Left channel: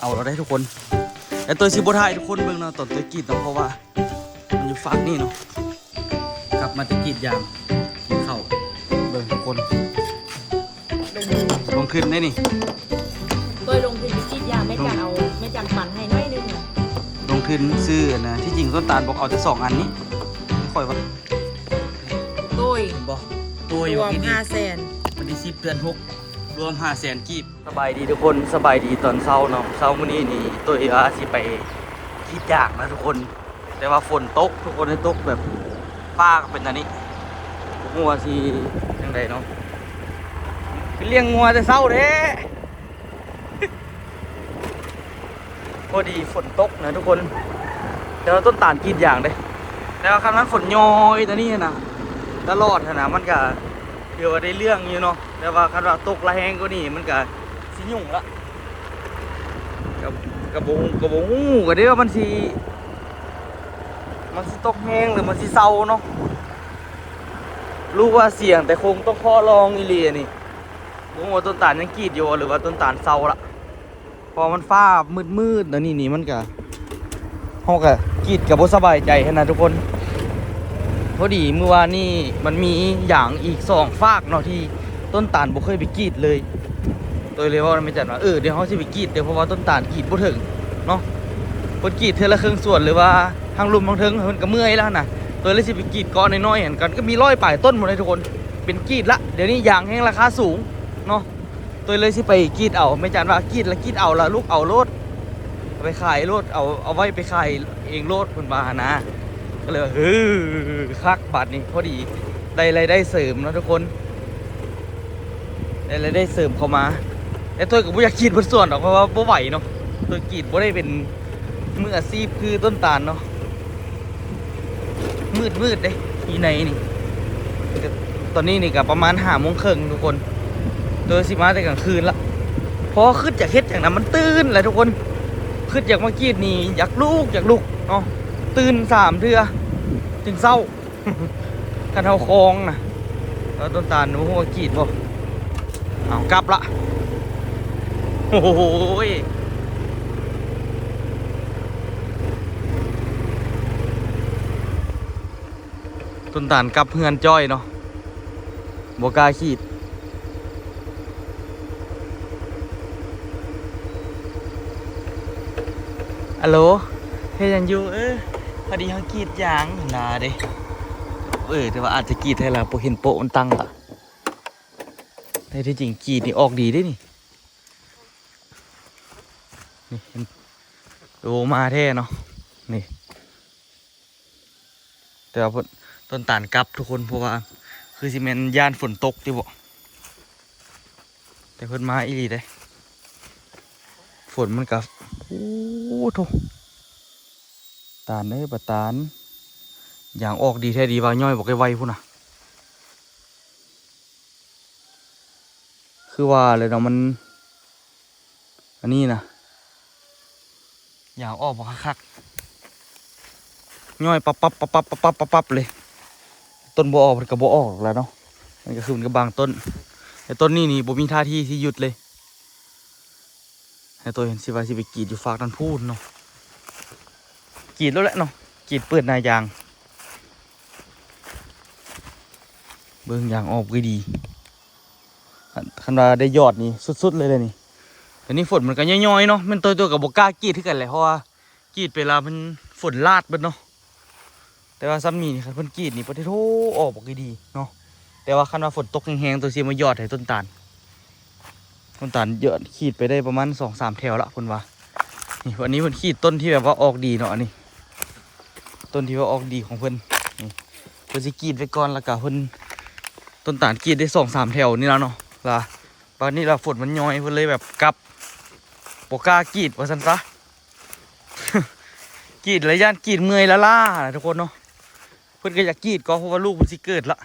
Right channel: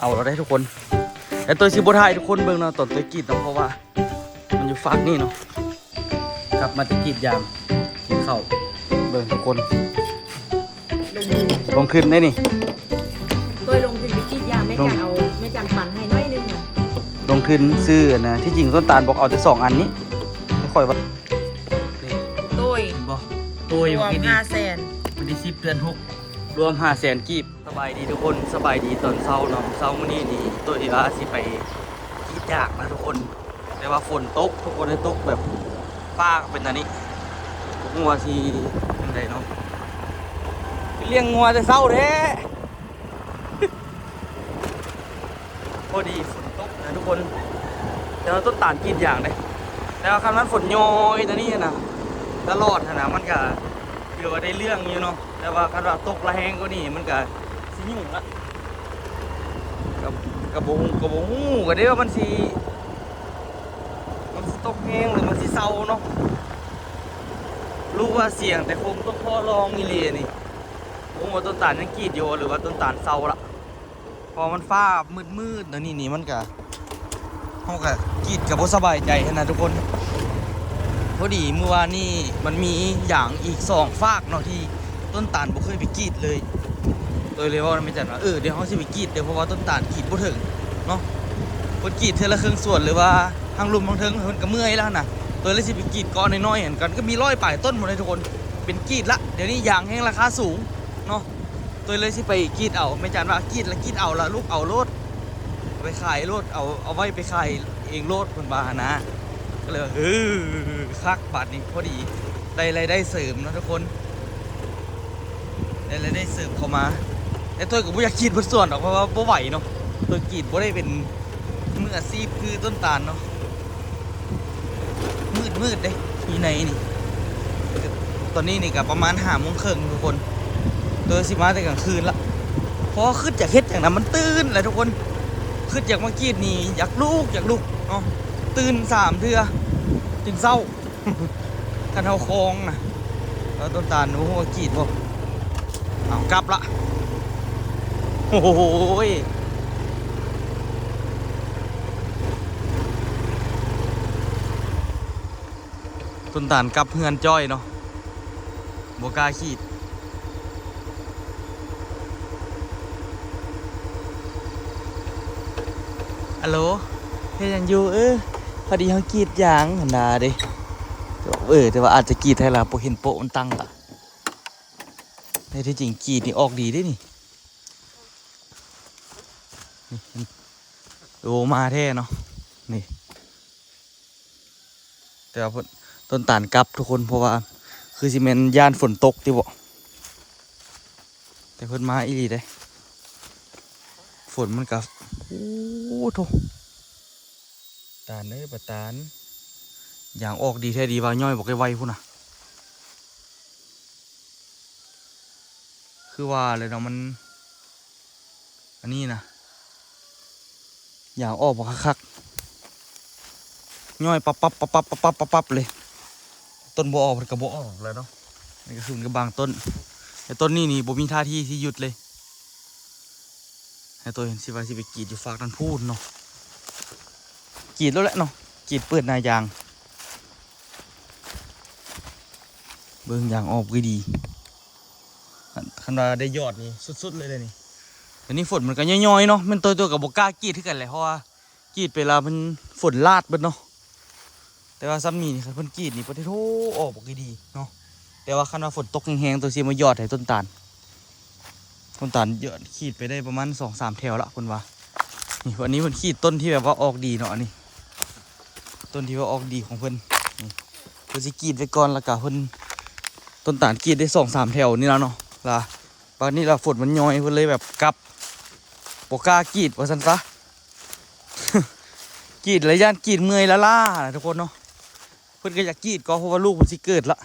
เอาเราได้ทุกคนแต่ตัวชิบุไทยทุกคนเบิ่งเนาะตอนตัวกรีดเนาะเพราะว่ามันอยู่ฝั่งนี่เนาะกลับมาตะกรีดยางกินข้าวเบิ่งทุกคนลงขึ้นได้นี่ โดยลงทุนไปคิดยาไม่จำเอาไม่จำปันให้น้อยนึงอ่ะ ลงขึ้นซื้อนะที่จริงต้นตาลบอกเอาแต่2 อันนี้ไม่ค่อยว่า โดย บอกตัวอยู่ที่ดี 500,000 วันที่10 เดือน 6รวม500,000 กีบสบายดีทุกคนสบายดีตอนเช้าเนาะเช้ามื้อนี้นี่ตัวเออาสิไปรีดยางนะทุกคนแต่ว่าฝนตกทุกคนให้ตกแบบฟ้าเป็นอันนี้งัวสิยังไงเนาะเลี้ยงงัวแต่เช้าเด้ พอดีฝนตกนะทุกคนแต่ว่าต้นตาลกรีดยางเด้แต่ว่าครั้งนั้นฝนย้อยแต่นี่นะตลอดนะมันก็เดี๋ยวได้เรื่องอยู่เนาะแต่ว่าคันว่าตกละแหงก็นี่มันก็สิยุ่งละกระบงก็ได้ว่ามันสิตกแห้งหรือมันสิเศร้าเนาะรู้ว่าเสี่ยงแต่คงต้องข้อลองอีเลียนี่ผมว่าต้นตาลยังกรีดอยู่หรือว่าต้นตาลเศร้าละพอมันฟ้ามืดแล้วนี่มันก็ห้องก็กรีดกับบ่สบายใจนะทุกคนพอดีเมื่อวานนี่มันมีอย่างอีก2 ฝากเนาะที่ต้นตาลบ่เคยไปกรีดเลยโดยเลยว่าไม่จัดว่าเดี๋ยวเขาสิไปกรีดเดี๋ยวเพราะว่าต้นตาลกรีดบ่ถึงเนาะคนกรีดเทอละครึ่งส่วนหรือว่าทางลุมทางเทิงมันก็เมื่อยแล้วนะตัวเลยสิไปกรีดก้อนน้อยๆเห็นกันก็มี100 ป่ายต้นหมดเลยทุกคนเป็นกรีดละเดี๋ยวนี้ยางแห้งราคาสูงเนาะตัวเลยสิไปกรีดเอาไม่จัดว่ากรีดแล้วกรีดเอาละลูกเอาโลดไปขายโลดเอาไว้ไปขายเองโลดคนบ้านะก็เลยคักบาทนี้พอดีได้รายได้เสริมนะทุกคนได้รายได้เสริมเข้ามาแต่ตัวกับผู้อยากกรีดบนส่วนหรอกเพราะว่าบ่ไหวเนาะตัวกรีดบ่ได้เป็นมืออาชีพคือต้นตาลเนาะมืดเด้ที่ไหนนี่ตอนนี้นี่กับประมาณ5:30ทุกคนโดยสิมาแต่กลางคืนละเพราะขึ้นจากเฮ็ดอย่างนั้นมันตื่นแหละทุกคนขึ้นจากเมื่อกี้นี่อยากลุกเนาะตื่น3 เทื่อถึงเศร้า กันเอาคลองนะแล้วต้นตาลโอ้โหกรีดบ่เอากลับละโอ้โหต้นตาลกลับเฮือนจ้อยเนาะบ่กล้าขีดฮัลโหลเฮ้ยยังอยู่พอดีเขากรีดยางเห็นดาเด้แต่ว่าอาจจะกรีดให้ละโปเห็นโปะมันตั้งละแต่ที่จริงกรีดนี่ออกดีได้นี่ดูมาแท้เนาะนี่แต่ว่าต้นตาลกลับทุกคนเพราะว่าคือซีเมนย่านฝนตกที่บ่แต่เพิ่นมาอีหลีได้ฝนมันกับโอ้โถตาลบัดตาลอย่างออกดีแท้ดีว่าย่อยบอกไวๆพุ่นน่ะคือว่าเลยเนาะมันอันนี้นะอย่างออกบอกคักย่อยปั๊บเลยต้นบ่ออกมันก็บ่ออกแล้วเนาะมันก็คือมันก็บางต้นแต่ต้นนี้นี่บ่มีท่าที่ที่หยุดเลยให้ตัวเห็นสิว่าสิไปกรีดอยู่ฝากนั่นพูดเนาะกรีดแล้วแหละเนาะกรีดเปิดนายางเบิ่งยางออกก็ดีคันว่าได้ยอดนี่สุดๆเลยนี่แต่นี่ฝนมันก็ย่อยๆเนาะมันตัวกับบกล้ากรีดที่กันเลยเพราะว่ากรีดไปแล้วมันฝนลาดเบิดเนาะแต่ว่าซ้ำนี่ครับเพิ่นกรีดนี่ประเทศโธออกบอกดีเนาะแต่ว่าคันว่าฝนตกแห้งๆตัวซีมายอดให้ต้นตาลเยอะขีดไปได้ประมาณ2-3 แถวละคุณว่านี่วันนี้เพิ่นขีดต้นที่แบบว่าออกดีเนาะนี่ต้นที่ว่าออกดีของเพิ่นนี่เพิ่นสิกรีดไปก่อนแล้วก็เพิ่นต้นตาลกรีดได้2-3 แถวนี่แล้วเนาะล่ะตอนนี้เราฝนมันย้อยเพิ่นเลยแบบกลับปกล้ากรีดว่าซั่นซะ กรีดระยะกรีดเมื่อยละล่าทุกคนเนาะเพิ่นก็อยากกรีดก็เพราะว่าลูกมันสิเกิดละ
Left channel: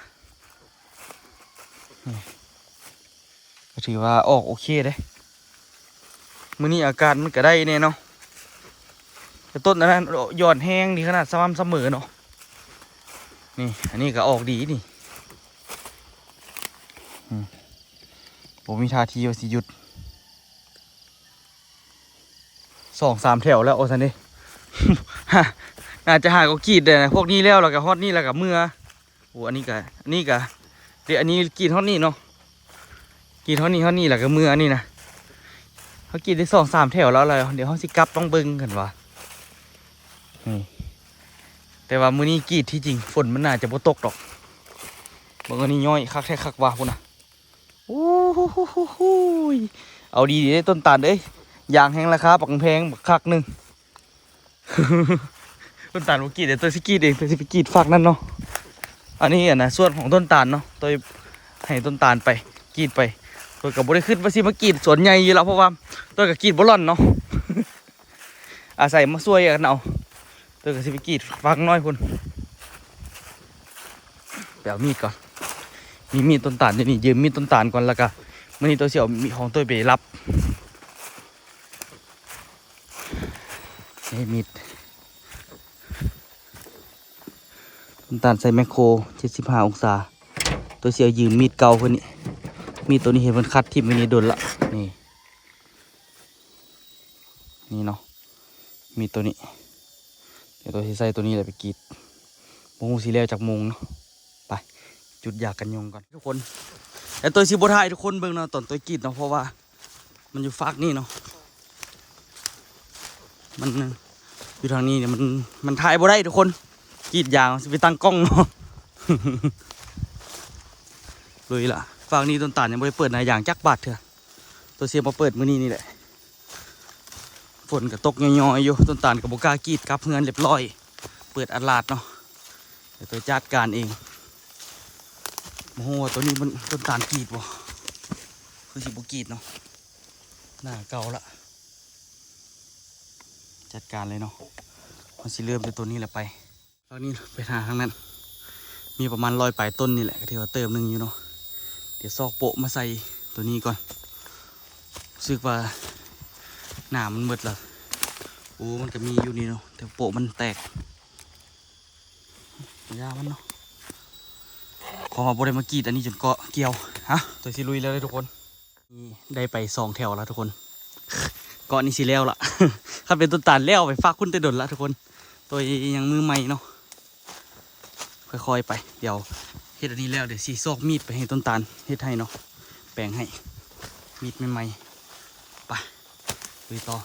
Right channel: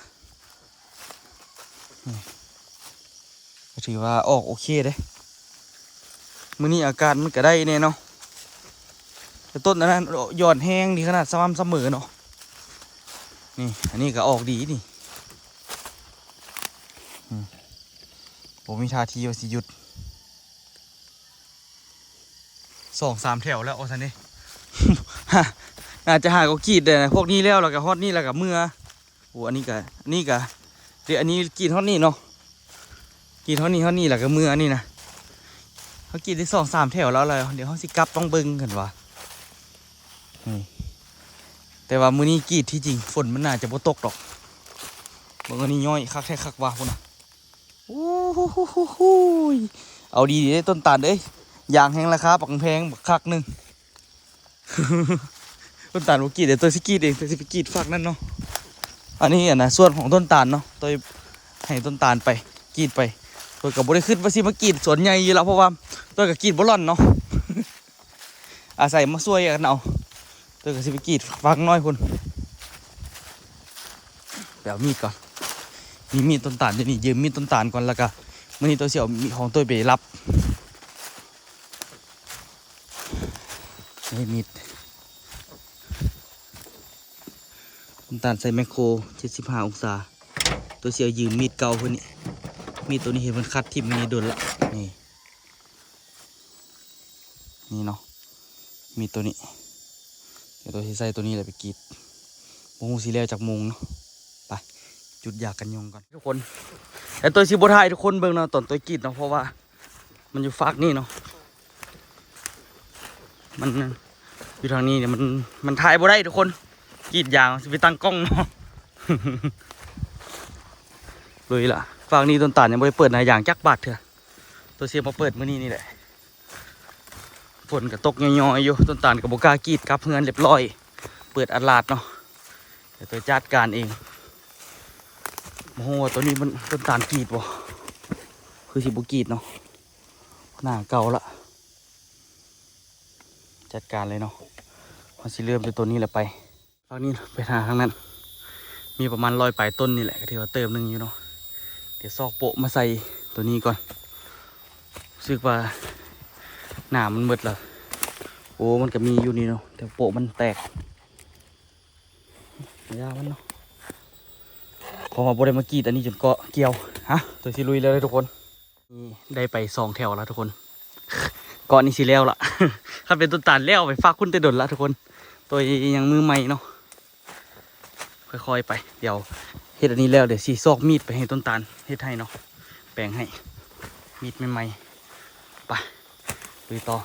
ก็ถือว่าออกโอเคเลยมื้อนี้อาการมันก็ได้แน่เนาะแต่ต้นนั้นยอดแห้งดีขนาดสม่ำเสมอเนาะนี่อันนี้ก็ออกดีนี่ผมมีท่าทีว่าสิหยุด 2-3 แถวแล้วโอ้ท่านนี่ น่าจะหาก็กรีดเลยนะพวกนี้แล้วก็ฮอดนี่แล้วก็เมื่อโอ้อันนี้ก็เดี๋ยวอันนี้กรีดฮอดนี่เนาะกรีดฮอดนี่แล้วก็เมื่ออันนี้นะเขากรีดได้2-3 แถวแล้วอะไรเดี๋ยวเขาสิกลับต้องเบิ่งกันว่ะแต่ว่ามื้อนี้กรีดที่จริงฝนมันน่าจะบ่ตกดอกบางอันนี้ย่อยคักแท้คักว่ะพุ่นน่ะโอ้โหเอาดีๆต้นตาลเอ้ยยางแห้งราคาปักแพงบักคักหนึง ต้นตาลบุกีเดี๋ยวตัวสิกีดเองตัวสิไปกีดฝักนั่นเนาะอันนี้อ่ะนะส่วนของต้นตาลเนาะตัวให้ต้นตาลไปกีดไปตัวกับบริขึ้นว่าสิมากีดสวนใหญ่อยู่แล้วเพราะว่าตัวกับกีดบอลลอนเนาะ อาศัยมาช่วยกันเอาตัวกับสิไปกีดฝักน้อยคุณเดี๋ยวมีดก่อนมีมีดต้นตาลนี่ยืมมีดต้นตาลก่อนแล้วก็มื่อนี้ตัวเสี่ยวมีของตัวไปรับนี่มีดต้นตาลใส่แมคโคร75 องศาตัวเสี่ยวยืมมีดเก่าเพื่อนนี่มีดตัวนี้เห็นมันคัดทิ่มไปนี่โดนละนี่เนาะมีดตัวนี้เดี๋ยวตัวที่ใส่ตัวนี้เลยไปกรีดโมงสีแล้วจากโมงเนาะไปจุดอยากกันยงก่อนทุกคนแต่ตัวชิบะไทยทุกคนเบิ่งเนาะตอนตัวกรีดเนาะเพราะว่ามันอยู่ฟากนี่เนาะมันอยู่ทางนี้เนี่ยมันถ่ายบ่ได้ทุกคนกรีดยางจะไปตั้งกล้อง เลยล่ะฟากนี้ต้นตาลยังไม่ได้เปิดนายยางจักบาทเถอะตัวเสียมาเปิดมื้อนี้นี่แหละฝนก็ตกย่อยๆอยู่ต้นตาลกับโบกล้ากรีดกับเงินเรียบร้อยเปิดอัดลาดเนาะเดี๋ยวตัวจัดการเองโอ้โหตัวนี้มันต้นตาลกรีดวะคือสิบุกรีดเนาะหน้าเก่าละจัดการเลยเนาะมันสิเริ่มจากตัวนี้แหละไปตอนนี้ไปทางนั้นมีประมาณ100 ปลายต้นนี่แหละก็ถือว่าเติมหนึ่งอยู่เนาะเดี๋ยวซอกโปะมาใส่ตัวนี้ก่อนรู้สึกว่าหนามันหมดแล้วโอ้มันก็มีอยู่นี่เนาะแต่โปะมันแตกยามันเนาะพอมาบริมากรีดอันนี้จนเกาะเกี่ยวฮะตัวสิลุยแล้วเลยทุกคนได้ไป2 แถวแล้วทุกคนเกาะนี่สิแล้วล่ะ ถ้าเป็นต้นตาลแล้วไปฝากคุณแต่ดนละทุกคนตัวยังมือใหม่เนาะค่อยๆไปเดี๋ยวเฮ็ดอันนี้แล้วเดี๋ยวสีซอกมีดไปให้ต้นตาลเฮ็ดให้เนาะแปลงให้มีดใหม่ๆไปลุยต่อ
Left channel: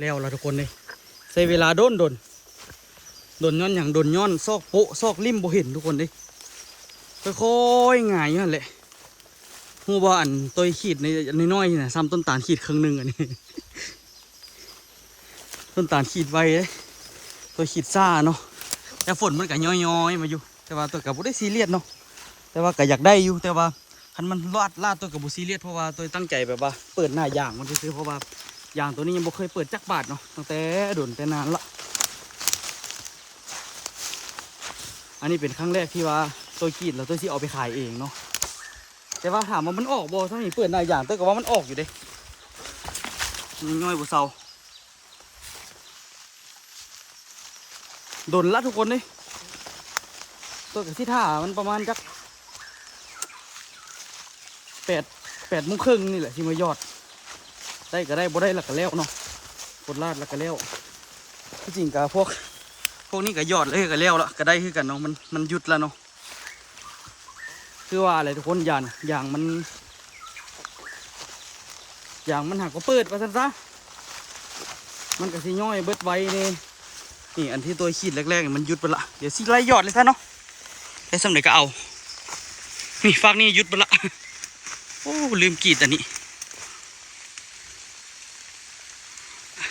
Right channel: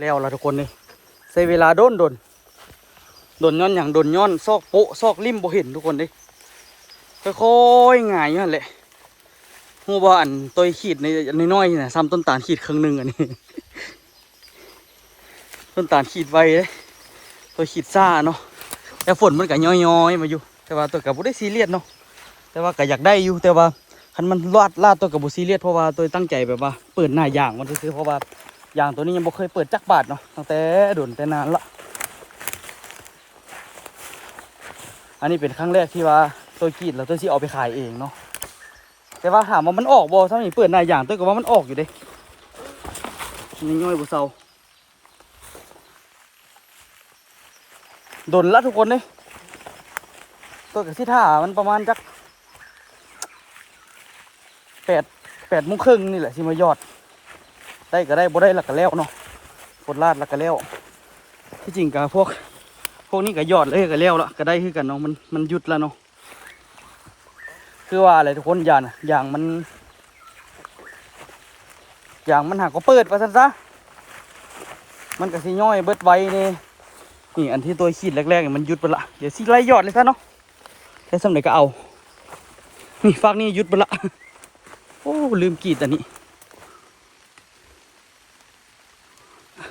แล้วละทุกคนเลยใช้เวลาโดนย้อนอย่างโดนย้อนซอกโปะซอกริมบ่เห็นทุกคนเลยค่อยๆง่ายนั่นแหละหัวบ่อันตัวขีดในน้อยๆนะซ้ำต้นตาลขีดครึ่งหนึ่งอันนี้ ต้นตาลขีดไวเลยตัวขีดซ่าเนาะแต่ฝนมันก็ย้อยๆมาอยู่แต่ว่าตัวกับบุได้ซีเรียสเนาะแต่ว่าก็อยากได้อยู่แต่ว่าคันมันลาดตัวกับบุซีเรียสเพราะว่าตัวตั้งใจแบบว่าเปิดหน้ายางมันซื้อเพราะว่ายางตัวนี้ยังบ่เคยเปิดจักบาทเนาะตั้งแต่โดนแต่นานละอันนี้เป็นครั้งแรกที่ว่าตัวขีดแล้วตัวซีเอาไปขายเองเนาะแต่ว่าถามว่ามันออกบ่ถ้ามีเปิดหน้ายางตัวก็ว่ามันออกอยู่เด้ย่อยบ่เซาโดนละทุกคนเลยตัวกับที่ท่ามันประมาณจัก8 โมงครึ่งนี่แหละที่มายอดได้ก็ได้บ่ได้ละก็แล้วเนาะกดลาดละก็แล้วที่จริงกับพวกนี้ก็ยอดเลยก็แล้วละก็ได้คือกันเนาะมันหยุดแล้วเนาะคือว่าอะไรทุกคนอย่างมันหักก็เปิดไปซะมันก็สิย่อยเบิดไว้นี่อันที่ตัวขีดแรกๆมันหยุดไปละเดี๋ยวสิไล่ยอดเลยซะเนาะได้สำเร็จก็เอานี่ฟากนี่หยุดไปละโอ้ลืมกรีดอันนี้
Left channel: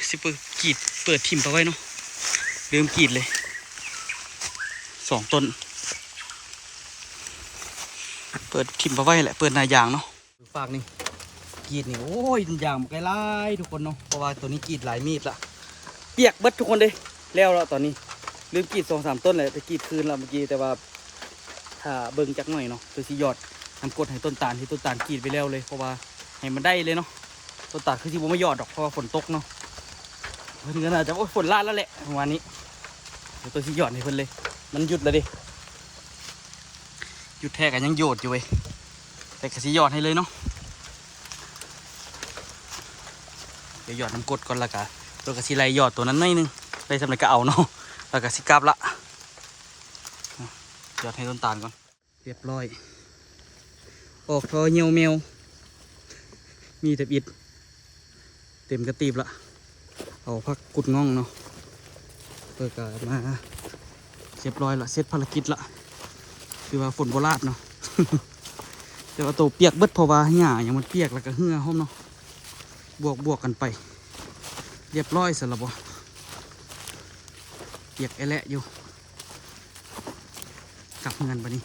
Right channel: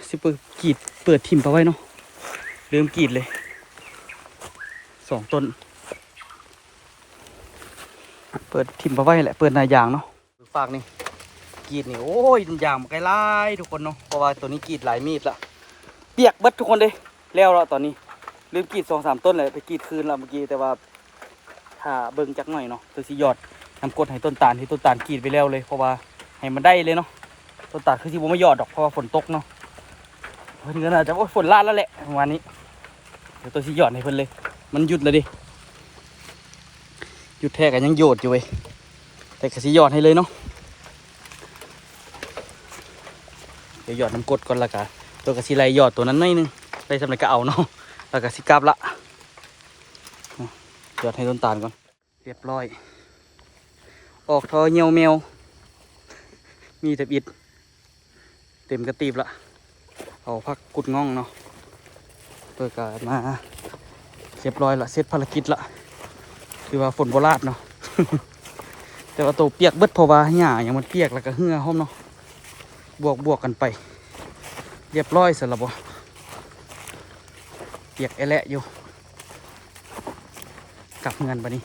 สิเปิดทิมไปไว้เนาะลืมกรีดเลย2 ต้นเปิดทิมไปไว้แหละเปิดหน้ายางเนาะฟากนี่กรีดนี่โอ้ยยางมันไกลไล่ทุกคนเนาะเพราะว่าตัวนี้กรีดหลายมีดละเปียกเบิดทุกคนเลยแล้วตอนนี้ลืมกรีด2-3 ต้นเลยแต่กรีดคืนแล้วเมื่อกี้แต่ว่าถ้าเบิ่งจักหน่อยเนาะตัวสิยอดนำกดให้ต้นตาลที่ต้นตาลกรีดไปแล้วเลยเพราะว่าให้มันได้เลยเนาะต้นตาลคือที่ผมไม่ยอดดอกเพราะว่าฝนตกเนาะเพิ่นก็น่าจะฝนลาดแล้วแหละวันนี้เดี๋ยวตัวสิยอดให้เพิ่นเลยมันหยุดเลยดิหยุดแท้กันยังโยดอยู่เว้ยแต่ก็สิยอดให้เลยเนาะเดี๋ยวยอดน้ำกดก่อนละกัน ตัวกระสีไหลหยอดตัวนั้นหน่อยนึงได้สำเร็จก็เอาเนาะแล้วก็สิกลับละหยอดให้ต้นตาลก่อนเรียบร้อยออกทอเหี่ยวแมวมีแต่อิดเต็มกระตีบละเอาพักกุดง่องเนาะเปิดกันมาเรียบร้อยละเสร็จภารกิจละคือว่าฝนโบราณเนาะ แต่ว่าตัวเปียกเบิดเพราะว่าหญ้าอย่างมันเปียกแล้วก็เหื่อห้อมเนาะบวกกันไปเรียบร้อยเสร็จแล้วบ่เปียกไอแหละอยู่กลับเงินไปนี่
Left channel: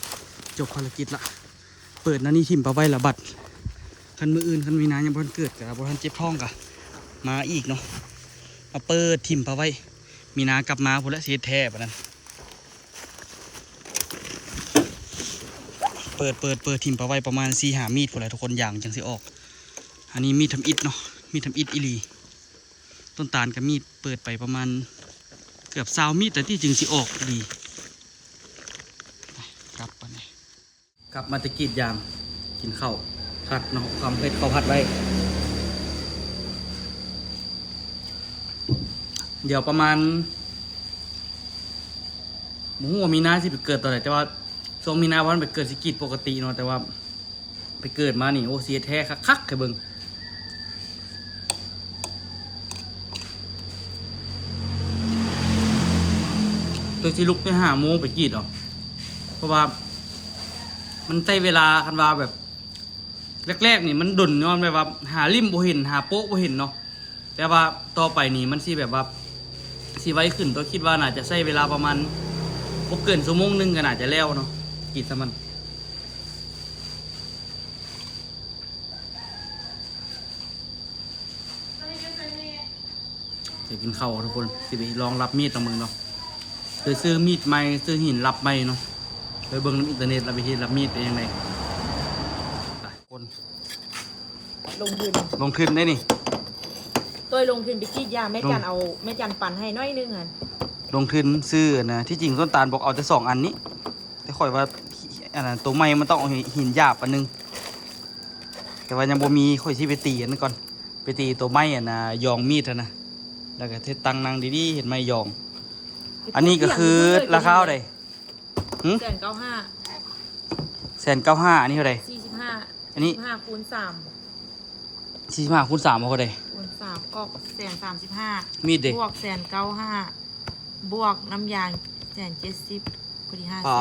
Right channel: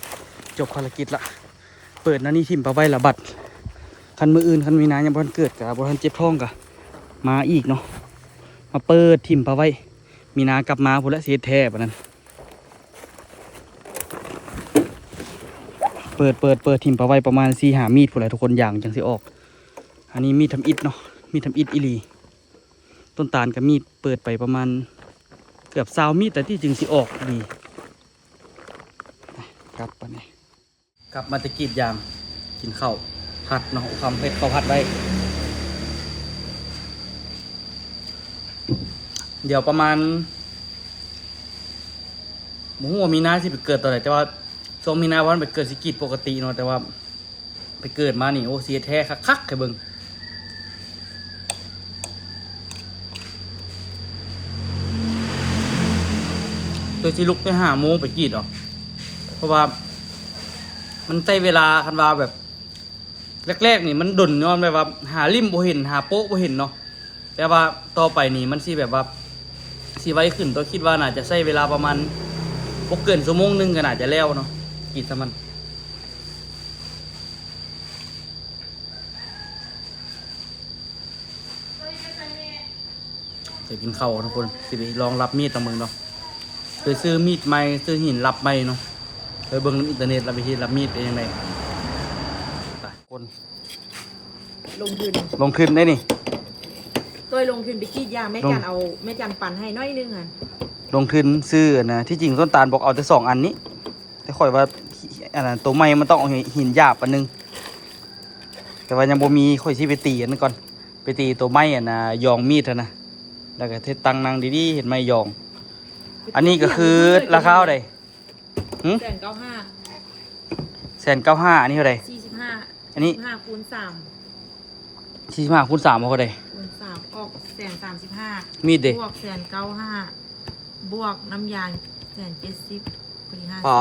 จบภารกิจละเปิดนะนี่ทิมปะไว้ละบัดคันมืออื่นคันมีน้ำยังบ่ทันเกิดกับ่ทันเจ็บท้องกะมาอีกเนาะมาเปิดทิมปะไว้มีน้ากลับมาพุ่นละเสียแท้แบบนั้นเปิดทิมปะไว้ประมาณ4-5 มีดพุ่นแหละทุกคนอย่างจังสิออกอันนี้มีดทำอิฐเนาะมีดทำอิฐอีหลีต้นตาลกับมีดเปิดไปประมาณเกือบ20 มีดแต่ที่จึงสิออกดีครับวันนี้กลับมาตะกีดยางกินข้าวผัดเนาะความเผ็ดข้าวผัดไว้เดี๋ยวประมาณหมูหัวมีนาสิไปเกิดตอนไหนแต่ว่าช่วงมีนาวันไปเกิดสิกีดปกติเนาะแต่ว่าไปเกิดมานี่โอ้เสียแท้คักๆแค่เบิ่งโดยที่ลุกไป5 โมงไปกีดเหรอเพราะว่ามันใช้เวลาคันว่าแบบแรกๆนี่มันดุนเนาะแบบว่าหาริมบ่เห็นหาโป๊ะบ่เห็นเนาะแต่ว่าต่อไปนี่มันสิแบบว่าสิไวขึ้นตัวคิดว่าน่าจะใช้เวลาประมาณบ่เกิน1 ชั่วโมงก็น่าจะแล้วเนาะกีดซะมันจะกินข้าวทุกคนสิไปลองรับมีดตรงมึงเนาะโดยซื้อมีดใหม่ซื้อหินรับใหม่เนาะโดยเบิ่งในอินเทอร์เน็ตรับวิธีรับมีดเป็นยังไงคน ลงทุน ลงทุนได้นี่ ตัวลงทุนไปกรีดยางแม่จันเอาแม่จันปั่นให้น้อยนึงอ่ะ ลงทุนซื้อนะที่จริงต้นตาลบอกเอาแต่2 อันนี้แต่ข่อยว่าอันนั้นตัวใหม่มันต้องเอาหินหยาบอันนึงแต่ว่ายังบ่มีข่อยสิไปตีอันนั้นก่อนไปตีตัวไม้อ่ะนะยองมีดนะแล้วก็เทตังนางดีๆเห็นไหมยองอันนี้ก็คือราคาเท่าไหร่195 195อันนี้เท่าไหร่ 45 อันนี้ 45 คูณ 45 คูณ 3เท่าไหร่ 3คูณ 3ออก135 มีดเด้ บวก195บวกน้ำยาง170พอดี50 อ๋อ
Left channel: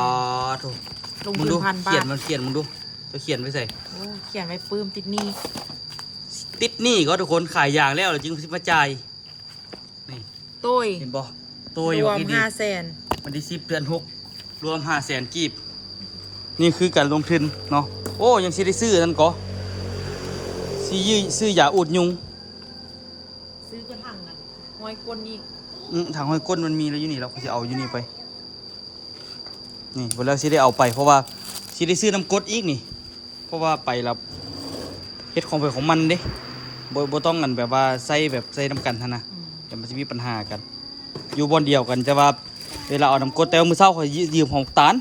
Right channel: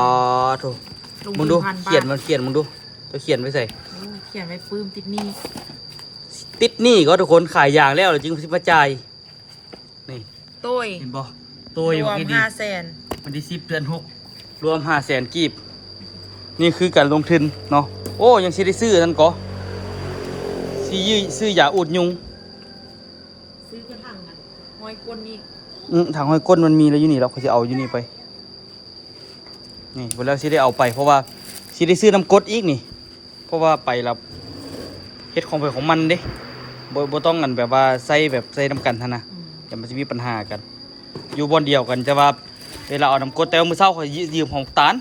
ถูก ลง มึ ทุ ง น ดู 1,000 บาท เขียนมึงดูจะเขียนไว้ใส่ โอ้เขียนไว้ปื้มติดหนี้ ติดหนี้ก็ทุกคนขายยางแล้วจึงสิมาจ่ายนี่ ตุ้ย เห็นบ่ตัวอยู่ รวม กี่ดี 500,000 วันที่10 เดือน 6รวม500,000 กีบนี่คือการลงทุนเนาะโอ้ยังสิได้ซื้อนั่นก็ซื้อยาอุดยุง ซื้อกระถางนะห้อยก้นอีก ถังห้อยก้นมันมีแล้วอยู่นี่เราก็จะเอาอยู่นี่ไปนี่เวลาสิได้เอาไปเพราะว่าสิได้ซื้อน้ำกรดอีกนี่เพราะว่าไปแล้วเฮ็ดของไปของมันเด้บ่ต้องกันแบบว่าใส่น้ำกันท่านนะแต่มันจะมีปัญหากันอยู่บนเดียวกันจะว่าเวลาเอาน้ำกรดแต่เอามือเช้าเขายืมของตาล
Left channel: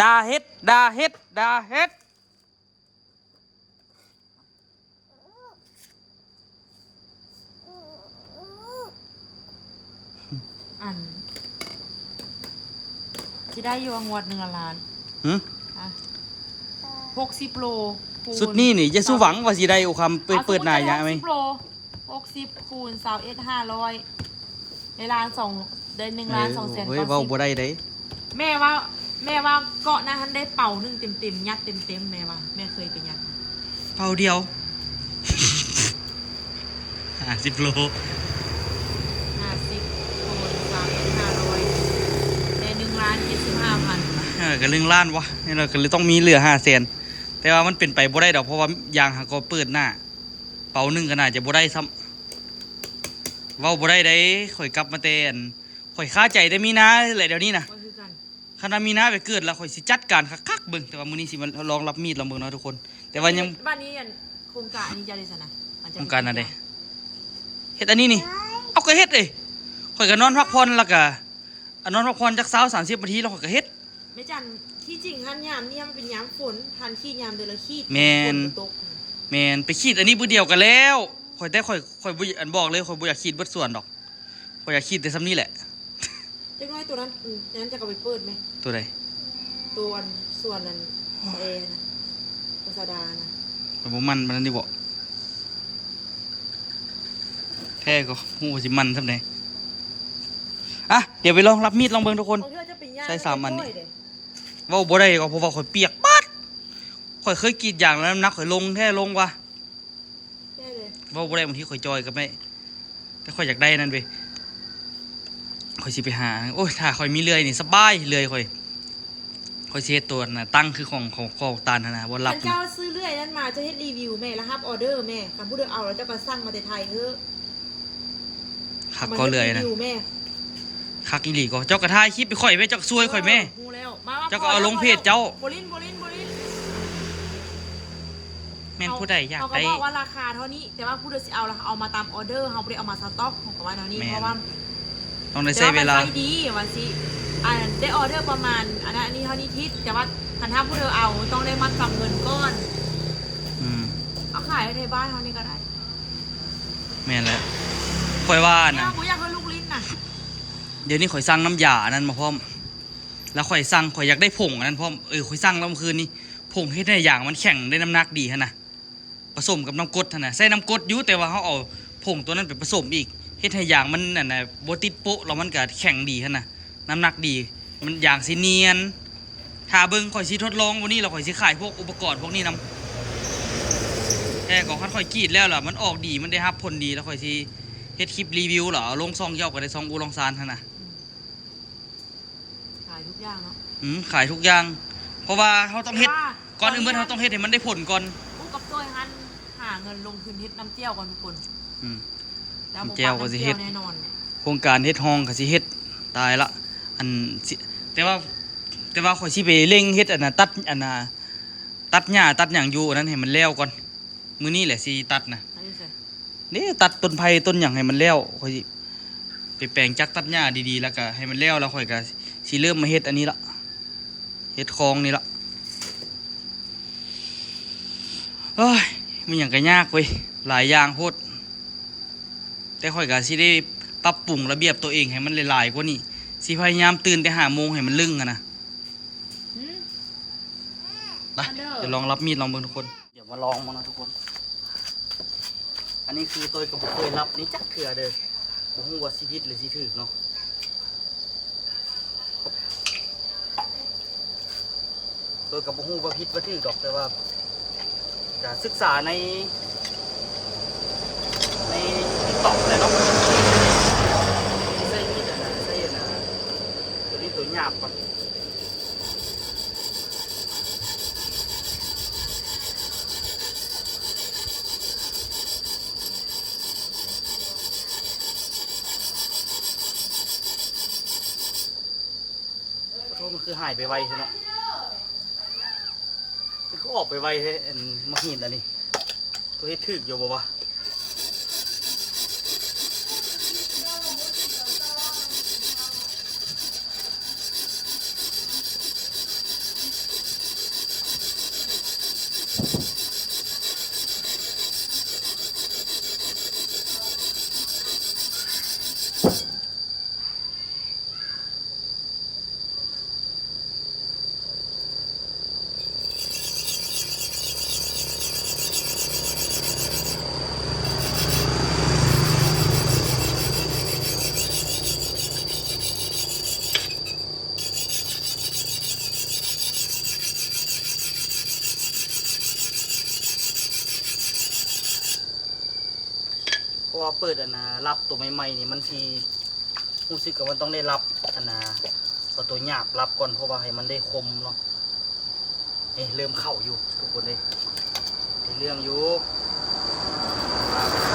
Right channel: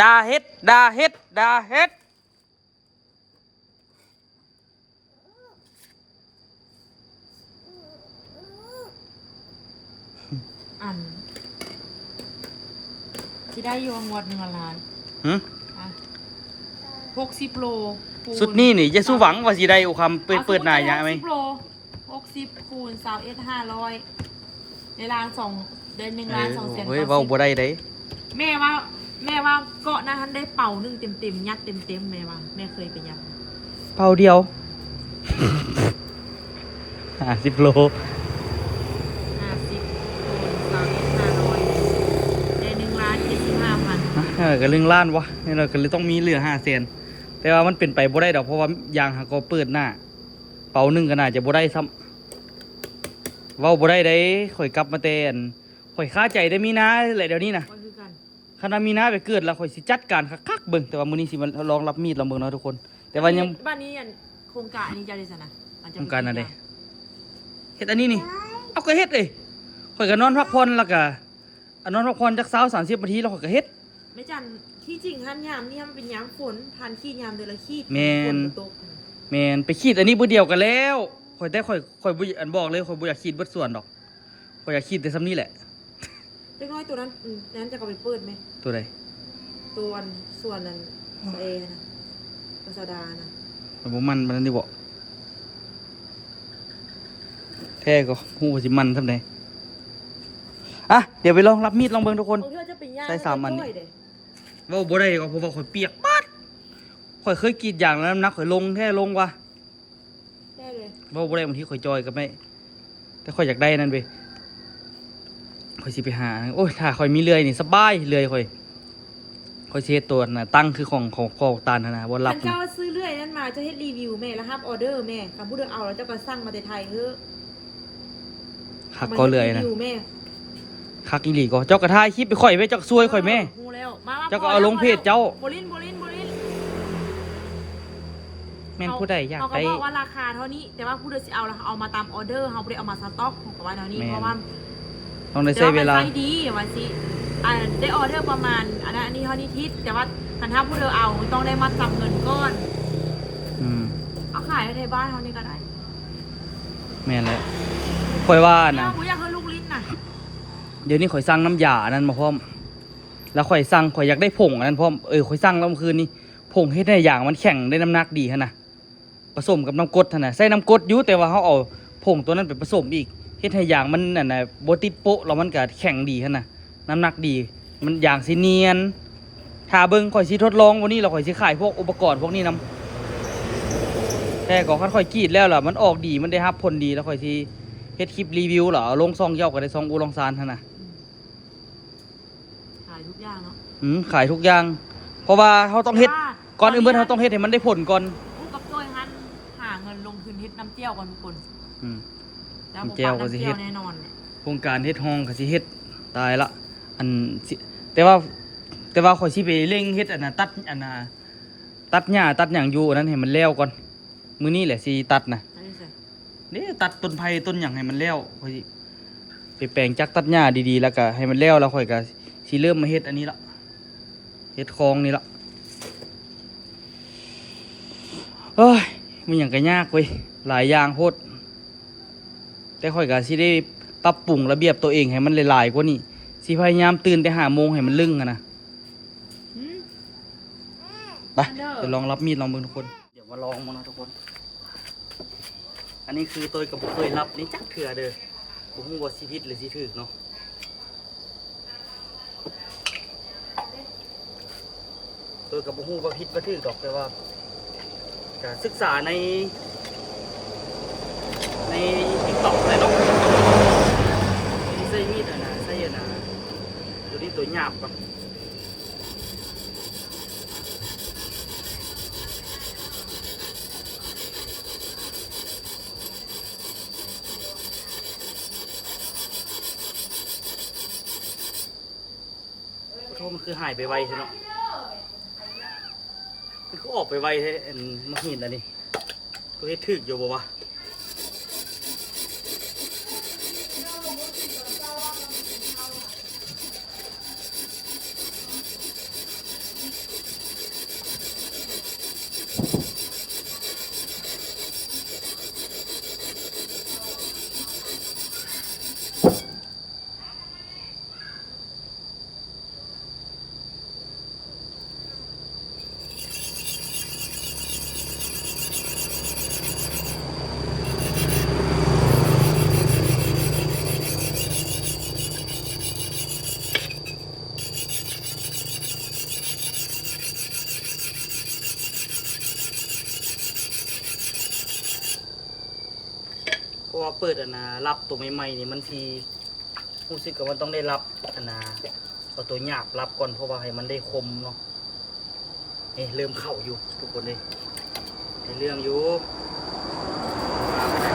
ดาเฮ็ดอันที่ได้อยู่งวด1 ล้าน หึ อ่ะ60 โลคูณ สุดนี้นี่จะสู้หวังว่าสิได้เอาคำเปิดหน้าอย่างไหม 60 โล60คูณ21 500ในล้าน2ได้1 ล้าน2แสน เฮ้ยเว้าบ่ได้เด้ แม่ว่าเกาะนะท่านได้เป่าหนึ่งเต็มยัดเต็มแม่ว่าแม่เคยไปยัด เป่าเดียว 50 โล 50คูณ500ได้1 ล้าน75,000 ก็เรื่องล้านวะนี่เราก็เลยต้องมีเหลือ500,000แต่ว่ามันเป็นไปบ่ได้ดอกเพราะว่ายางหาก็เปิดหน้าเป่าหนึ่งก็น่าจะบ่ได้ซ้ำเว้าบ่ได้ได้ข่อยกลับมาแต่นข่อยคาใจได้มีนาแหละเดี๋ยวนี้นะ ก็คือกัน คณะมีนาไปเกิดแล้วข่อยสิจัดการคักๆเบิ่งแต่ว่ามื้อนี้สิมาลองรับมีดลองเบิ่งเนาะทุกคน แต่ว่ายัง บ้านนี้อันโครงการอันนี้จะได้สนะ โครงการอันใดเฮ็ดอันนี้นี่เอาก็เฮ็ดเอ้ยข่อยก็นอนพักผ่อนแล้วก็นอนพักผ่อนจัก20-30 นาทีแล้วข่อยก็เฮ็ด ไม่จันที่จริงท่านยามเนี่ยมันเป็นยามฝนทันขี้ยามเดือนละขี้ แม่น ฝตก แม่นไปขีดอันนี้มื้อเดียวกันแล้ว ข่อยแต่ข่อยบ่อันบอกเลยข่อยบ่อยากขีดเบิดส่วนดอกข่อยอยากขีดแต่ซ้ำนี้แหละ เล็กน้อยตัวนั้นนั้นจะเอาไปเปิดไหม ตัวใด ตัวอันส่วนนั้นเอนะตัวสดานะ ข่อยบ่มันปานนั้นดิบ่แท้ก็ฮู้ว่าสิมันซำใดอ่ะเดี๋ยวไปลองรับมีดลองเบิ่งทุกคน โอ้เธอจะเป็นย่าง ใส่สามอันนี่ ด้วยเด้ เว้าบ่ได้ก็เพราะว่าข่อยเปียกปัดข่อยเคยกรีดยางแล้วน้ำหนักข่อยลงแท้ลงว่ะ แค่เลย เว้าบ่ได้บางทีข่อยจอยก็ไม่แต่ข่อยอยากได้นั่นเว้ยข่อยสิไปหาโอ้ยถ้าข่อยมีเลื่อยนี่สบายเลื่อยข่อยสิเฮ็ดตัวน่ะตั้งคือของตาลน่ะนะบ่รับ มันเจ้าซื้อเรื่อยนั้นมาจะเฮ็ดรีวิวแม่แล้วรับออเดอร์แม่คำพูดเดิมเอาแล้วเจ้าก็สั่งมาแต่ไทยเฮ้อ คักก็เลื่อยนะ รีวิวแม่ คักอีหลีก็เจ้ากระทายคลิปไปข่อยแม่เจ้าก็ซวยข่อยแม่ งูแล้วมา เจ้าก็เอาลงเพจเจ้า โบลิน แม่นผู้ใดอยาก เขาก็ ได้ บอกว่าราคาเท่านี้ แต่ว่าผู้เดินสิเอาแล้วเอามาตามออเดอร์เขาไม่ได้เอามาสต็อกของกับว่าเท่านี้ แม่น เพราะว่า ต้องได้ใช้เวลา แต่มันไปดีว่าสิได้ออเดอร์ประมาณอันนี้เท่านี้ทิศแต่ว่าคันถ้าผู้เดินเอาต้องได้มัดจำเงินก้อน อืม เอาขายในบ้านเท่านี้ก็ได้ แม่นแล้วข่อยว่า เนี่ย นะ ผมอยากให้ลูกลิ้นน่ะ เดี๋ยวนี้ข่อยสั่งน้ำยาอันนั้นมาพร้อม แล้วข่อยสั่งข่อยอยากได้ผงอันนั้นพร้อมข่อยสั่งแล้วเมื่อคืนนี้ผงเฮ็ดให้อย่างมันแข็งได้น้ำหนักดีฮะนะผสมกับน้ำกรดฮะนะใส่น้ำกรดอยู่แต่ว่าเขาเอาผงตัวนั้นไปผสมอีกเฮ็ดให้อย่างมันนั่นน่ะบ่ติดโป๊ะแล้วมันก็แข็งดีฮะนะน้ำหนักดีมันอย่างสิเนียนถ้าเบิ่งข่อยสิทดลองวันนี้เราข่อยสิขายพวกอุปกรณ์พวกนี้นํแต่ก็คันข่อยกรีดแล้วล่ะมันออกดีมันได้รับผลดีแล้วข่อยสิเฮ็ดคลิปรีวิวเหรอเอาลงซองเจ้าก็ได้ซองอูลองซานฮะนะ ขายทุกอย่างเนาะ ขายทุกอย่าง เพราะว่าเขาต้องเฮ็ด แต่ว่า ก่อนอื่นเบิ่นเขาต้องเฮ็ดให้มันได้ผลก่อน ผู้กับตัวฮันหาเงินลงทุนเฮ็ดน้ำเจียวก่อนทุกคน อืม แล้ว น้ำเจียวก็สิเฮ็ด แน่นอนเนี่ย โครงการเฮ็ดห้องก็สิเฮ็ดตายละอันสิแต่ว่าข่อยสิไปเร่งเฮ็ดอันน่ะตัดอันน่ะตัดหญ้าตัดหยังอยู่อันนั้นให้มันแล้วก่อนมื้อนี้แหละสิตัดนะ ใช่ใช่ นี่ตัดต้นไผ่ต้นหยังให้มันแล้วข่อยสิไปแปลงจักตัดหญ้าดีๆแล้วก็ให้มันแล้วแล้วข่อยก็สิเริ่มมาเฮ็ดอันนี้ละเฮ็ดคลองนี่ละเฮ้ยมันหยังก็ยากเว้ยหลายอย่างโพดแต่ข่อยก็สิได้ปรับปรุงระเบียบตัวเองให้มันหลายๆกว่านี้สิพยายามตื่นแต่5 โมงให้มันลึงอะนะ หืม ไปเดี๋ยวลองรับมีดลองเบิ่งทุกคนเดี๋ยวมาลองมั้งนะทุกคน อันนี้คือตัวกับบุเคยรับนี่จักเถื่อเด้อบุฮู้ว่าสิผิดหรือสิถูกเนาะตัวกับบุฮู้ว่าผิดว่าถูกดอกแต่ว่าจะศึกษาในTikTok แหละเนาะตัวนี้ใส่มีดอะนะใส่อะนะตัวนี้ตัวหยาบก่อนโทษมันคือหายไปไวใช่เนาะมันคือออกไปไวใช่อันมักหินอันนี้ตัวเฮ็ดถึกอยู่บ่วะเพราะว่าเปิดอันนะรับตัวใหม่ๆนี่มันทีรู้สึกว่ามันต้องได้รับอันนะเอาตัวหยาบรับก่อนเพราะว่าให้มันได้คมเนาะนี่เริ่มเข้าอยู่ทุกคนเลยในเรื่องอยู่วางกันได้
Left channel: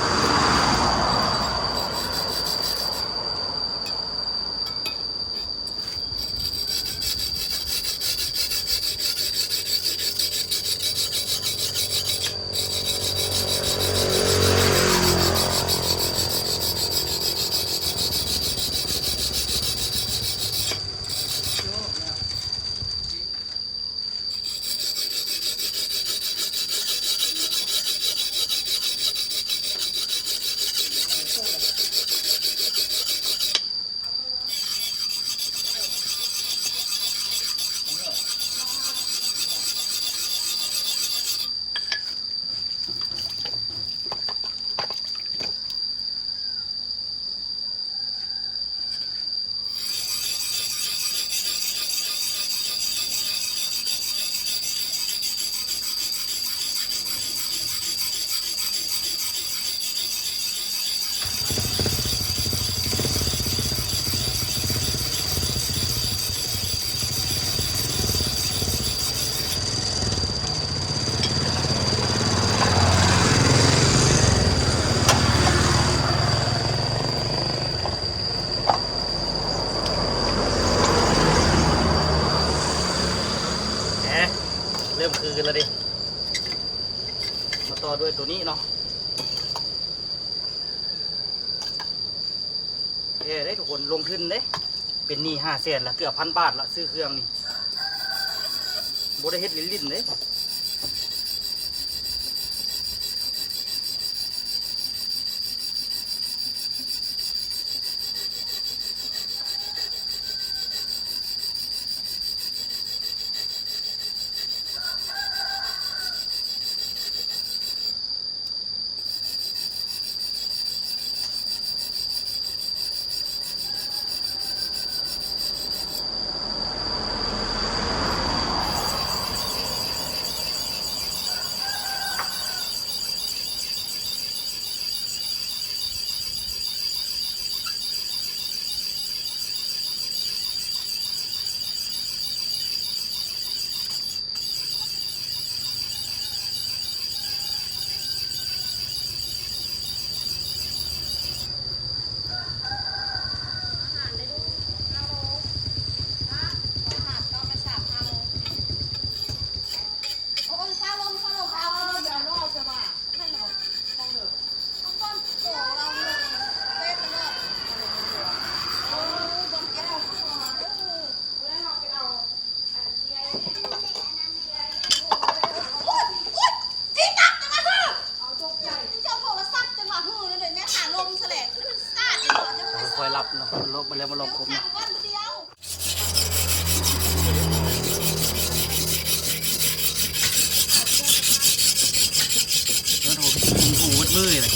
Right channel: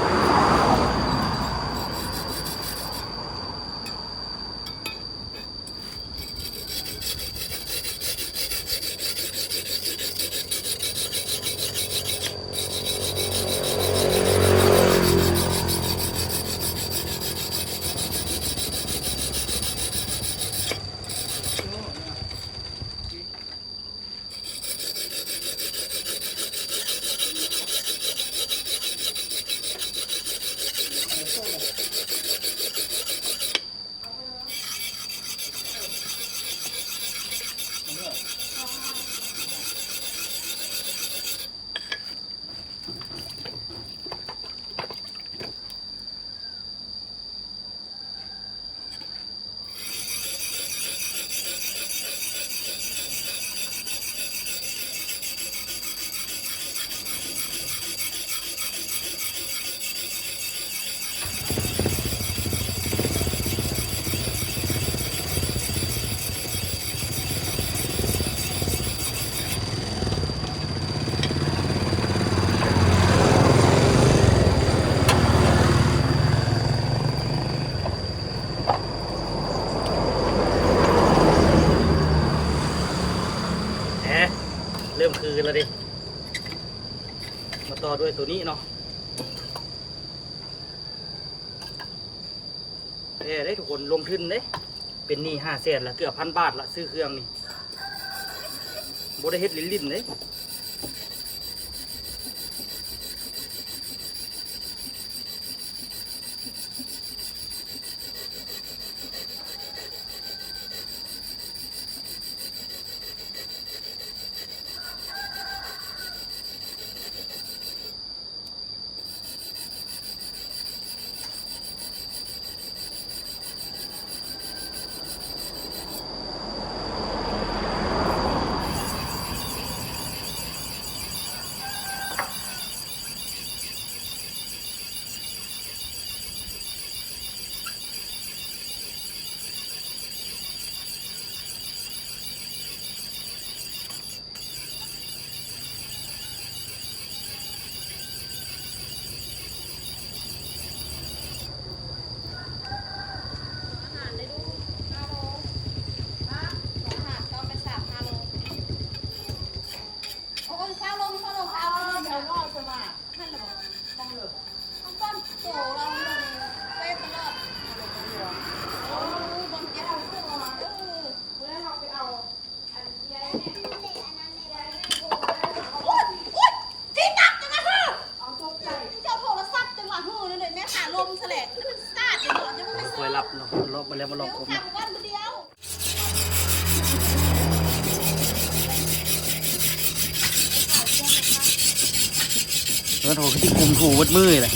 คือแล้วดิมาต่อด้วยตัวนี้เนาะได้ทุกคนลงทุนเด้เป็นหนี้500,000ละเกือบ1,000 บาทละซื้อเครื่องนี่บ่ได้เฮ็ดลิ้นๆเด้ค่อยๆรับเนาะลบมาแล้วมาลองคมเนาะโถคือที่กลุ่มถูวัดมือเลย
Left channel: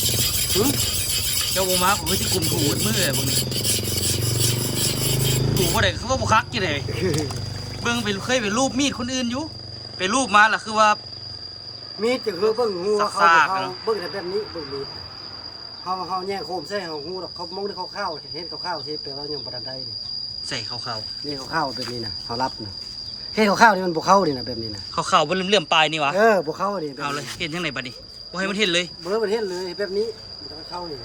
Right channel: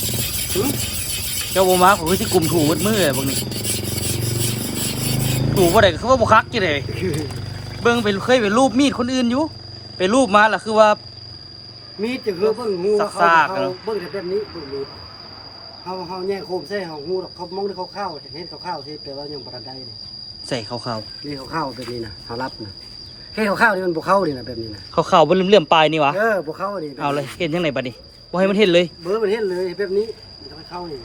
เจ้าโบมาคือที่กลุ่มถูวัดมือเลยพวกนี้ถูว่าได้เขาว่าบุคักกี่เลยเบิ้งไปเคยไปรูปมีดคนอื่นอยู่ไปรูปมาล่ะคือว่ามีดจะคือเบิ้งงูเขาเบิ้งแต่แบบนี้เบิ้งมีดเขาแย่งโคมใส่เขางูเขามองได้ข้าวเห็นข้าวที่แปลว่ายังประดันได้เลยใส่ข้าวนี่ข้าวแบบนี้นะเขารับนะเห็นข้าวนี่มันบุเข้าดินะแบบนี้นะข้าวบนเลื่อมปลายนี่วะบุเข้าดิเอาเลยเห็นยังไงบัดนี้บ่ให้มันเห็นเลยเบอร์มันเห็นเลยแบบนี้มันจะเข้านี่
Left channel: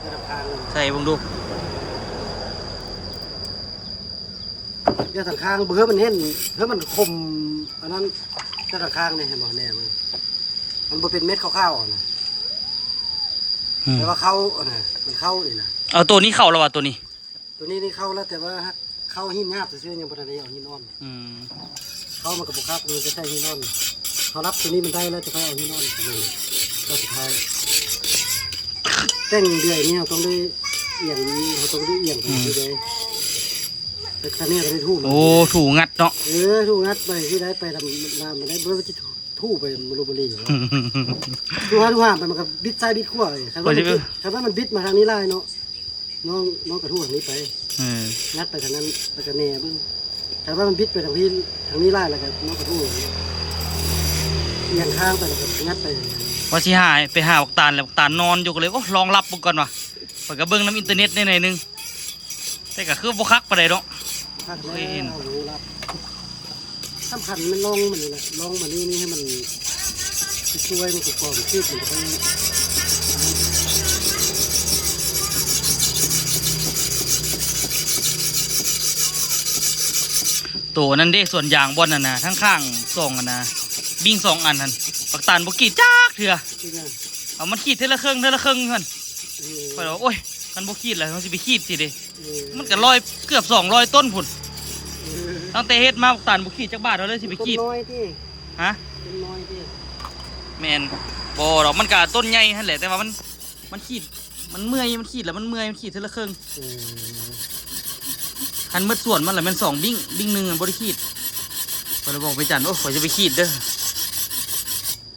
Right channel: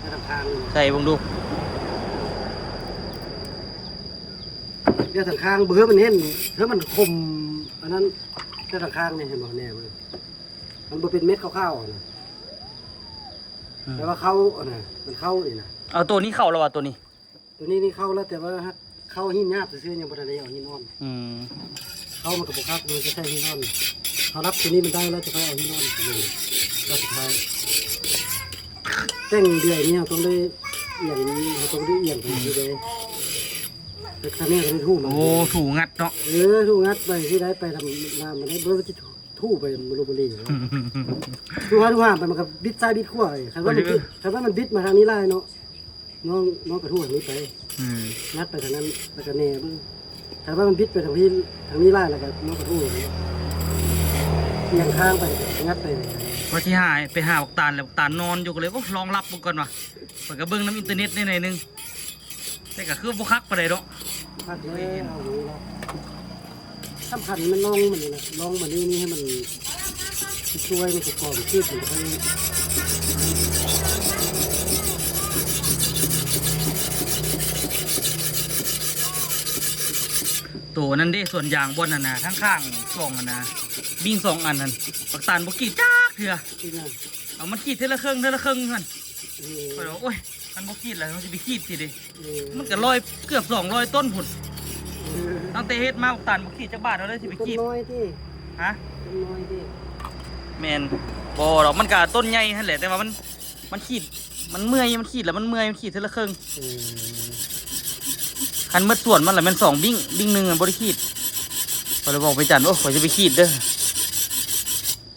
ในทางใส่บังดูเดี๋ยวทางข้างเบอร์มันเห็นเพื่อมันคมอันนั้นเดี๋ยวทางข้างนี่เห็นบ่แน่มันเป็นเม็ดข้าวนะแต่ว่าเข้าน่ะมันเข้านี่นะเอาตัวนี้เข้าแล้ววะตัวนี้นี่เข้าแล้วแต่ว่าเข้าหินหยาบซื่อๆยังบ่ได้เอาหินอ่อนเข้ามันกับบุคักมันจะใช้หินอ่อนเขารับตัวนี้มันได้แล้วจะไปเอาหินอ่อนเลยก็สุดท้ายแต่งเดือยนี่ต้องได้เอียงเขาต้องได้เอียงไปเลยแต่ท่านี้ก็ได้ทู่โอ้ถูงัดเนาะทู่งัดไปที่ได้ไปทำน้ำมันได้เบอร์จะทู่ไปมรูบุรีทู่ห้าไปมันกับบิดซ้ายบิดขวาเลยคันว่ามันบิดมาทางนี้ไล่เนาะน้องกระทู่ทางนี้ไปงัดไปทางนั้นแล้วก็แน่บึ้งคันว่ามันบิดไปทางนี้ไล่แล้วก็น้องกระทู่เอียงข้างไปงัดไปพอชี้หายไปหาบักตาลแล้วบักตาลนอนอยู่ก็เลยโอ้ลองรับบุกก่อนว่ะเปิดกระเบื้องน้ำอินเทอร์เน็ตในนึงแต่ก็คือบุคักไปเลยเนาะคักเลยรู้แล้วสำคัญมันลองมันนี่แหละลองมันนี่ให้มันช่วยมันประกอบชีพมันไปตัวนั้นดิส่วนยางบอลน่ะนะข้างๆ2นะบิ้ง2 อันนั่นปักตาลบกีดจ้าเถื่อเอามันขีดเท่าละเครื่องเพื่อนไปบอกโอ้ยมันบกีดแล้วมันจะไปขีดสิดิมันก็เกือบ200 ต้นผุดตั้งแต่เฮ็ดมาปักตาลบกีดจักบาทเราเลยสิไปขีดน้อยที่ฮะต้นน้อยที่แมนบ่หรอกมันก็ต้นใหญ่นั่นแหละแต่ว่ามันขีดมันเมื่อยมันขีดแล้วมันเมื่อยมันขีดเท่าละเครื่องคันเมื่อส่วนมันแหละมัน2 บิ้งหนึ่งบริขีดก็เลยบอกไปจันโอ้ขอจะไปขีดเด้อ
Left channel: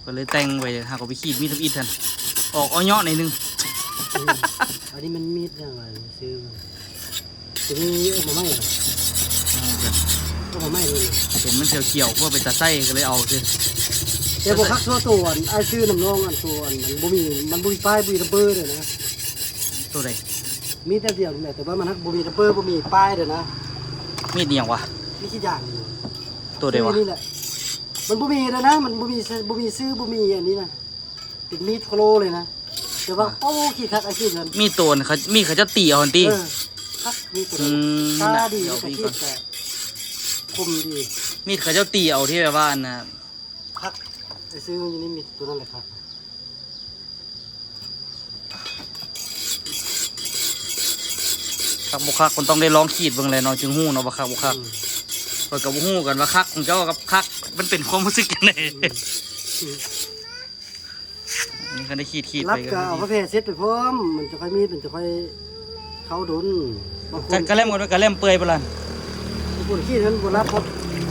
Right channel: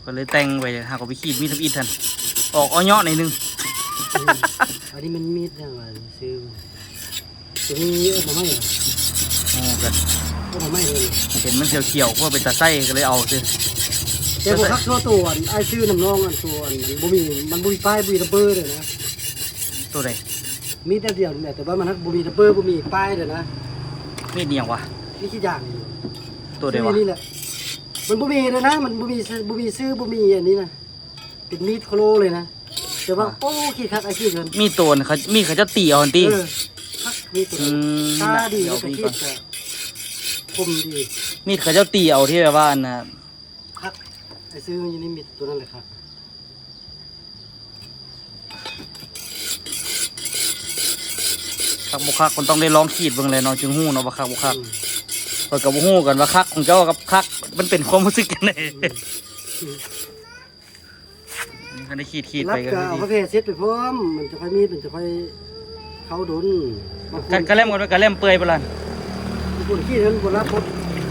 ก็เลยแต่งไว้หากไปขีดมีทำอีทันออกอ้อยในนึงอันนี้มันมีดอะไรซื้อตัวนี้มาไม่เหรอกันก็มาไม่เลยเห็นมันเขียวๆว่าเป็นตาไส้ก็เลยเอาซิแต่พวกคักตัวไอ้ชื่อน้ำน้องอันตัวมันบุยป้ายบุยระเบิดเลยนะตัวใดมีดเดียวนี่แหละแต่ว่ามันบุยระเบิดบุยป้ายเลยนะมีดเหนียววะนี่ขี้ยางตัวเดียวนี่แหละมันบุมีเลยนะมันบุมีซื้อบุมีอันนี้นะเป็นมีดโครเลยนะแต่ว่าโอ้ขี้คักไอ้ขี้เงินมีตัวเขาจะตีเอาตีคักมีตัวตาดีกับขี้ค คมดี มีดเขาเจ้าตีเอาที่แบบว่าอันน่ะ คักไอ้ซื้อมันอยู่นี่มีตัวนั้นเลยครับ คักบ่คักคนต้องได้ลองขีดเบิ่งเลยเนาะจึงฮู้เนาะว่าคักบ่คักเพิ่นก็บ่ฮู้กันว่าคักของเจ้ากับคักมันเป็นความรู้สึกจังได๋นี่ก็ได้ขีด รั ไป บ กั ก็เอา น กาแฟเซ็ตไปพร้อมมันจะค่อยมีดมันจะค่อยเข้าดนบางคน กะเล่มกันกะเล่มเปื่อยปะล่ะ บางคนขี้นั้นบนรับพด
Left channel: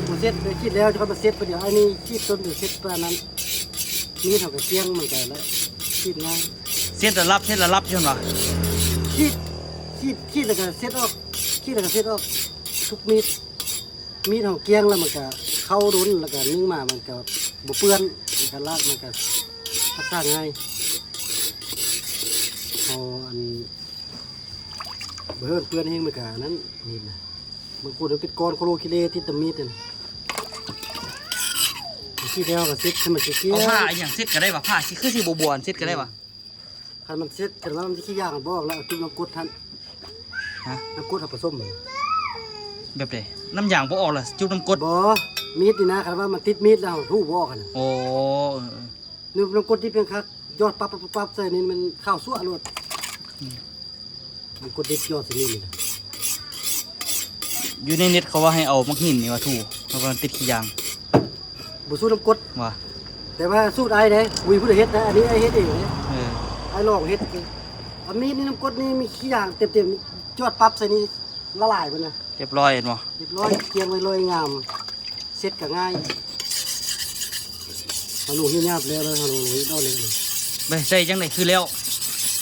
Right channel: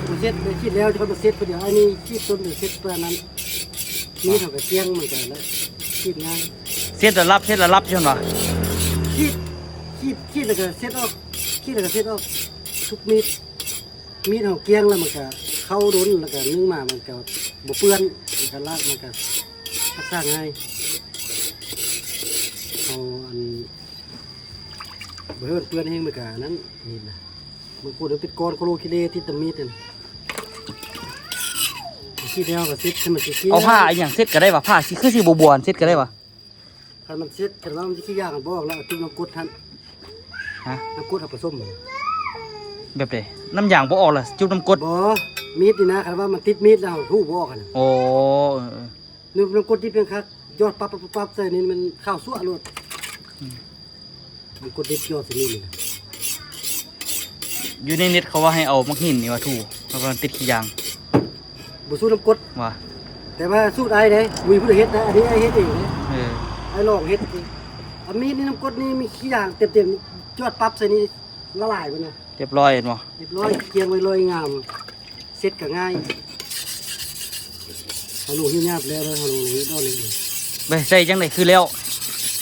มาเซ็ตไปขี้แล้วจะค่อยมาเซ็ตไปเดี๋ยวไอ้นี่ขี้ต้นเดี๋ยวเซ็ตตัวนั้นมีเท่ากับเสียงมันกันแล้วขี้ง่าย เส้นระลับใช่ไหม ขี้แล้วก็เซ็ตออกขี้แล้วก็เซ็ตออกทุกมีดของเกียงแล้วมันก็เข้าดนแล้วก็นึ่งมามันก็บ่เปื้อนมันก็ลากมันก็รักษาง่ายเอาอันเบื่อเปื้อนเองมันก็นั้นนี่นะมันพูดถึงปิดก้อนโคโลคิเลที่ตะมีดเนี่ยขี้แล้วก็เซ็ตให้มันสิขี้ เอาผ้าอหย่างเซ็ตก็ได้ปะผ้าสิคือสิบวนเซ็ตก็ได้ปะ คันมันเซ็ตแต่ว่ามันสิขี้ยากกันบอกแล้วเอาจุ่มน้ำกรดทัน ฮะ น้ำกรดเอาผสมมัน แบบไหนน้ำยางบ่ออกล่ะจุ่มน้ำกรด บ่มีดนี่นะคันว่ามันติดมีดแล้วทู่บ่กัน โอ้ นึกน้ำกรดที่เป็นคักยอดปั๊บใส่นี่มันข้าวซั่วโลดน้ำกรดดิบยอดสินี่นะ อยู่ในเน็ตเขาว่าให้เอามักหินนี่มาถูแล้วก็ติดขี้ยาง บ่สู้น้ำกรด ว่ะ แต่ว่าสู้ได้เด้วีผู้ใดเฮ็ดนะอันนี้ไอ้เฮ็ดเองนะ เออ ไอ้ลองเฮ็ดสิอันมีดนี่น้ำกรดนี่มีขี้อย่างเต็มๆยอดปั๊บใส่นี่ละลายไปนะ เรียบร้อยเห็นบ่ เรียบร้อยเกียงไว้เลยงามเซ็ตก็ง่ายฮัลโหลที่ยาบแล้วเลยฮัลโหลนี่ดอกเลย ไปใส่จังไดคือแล้ว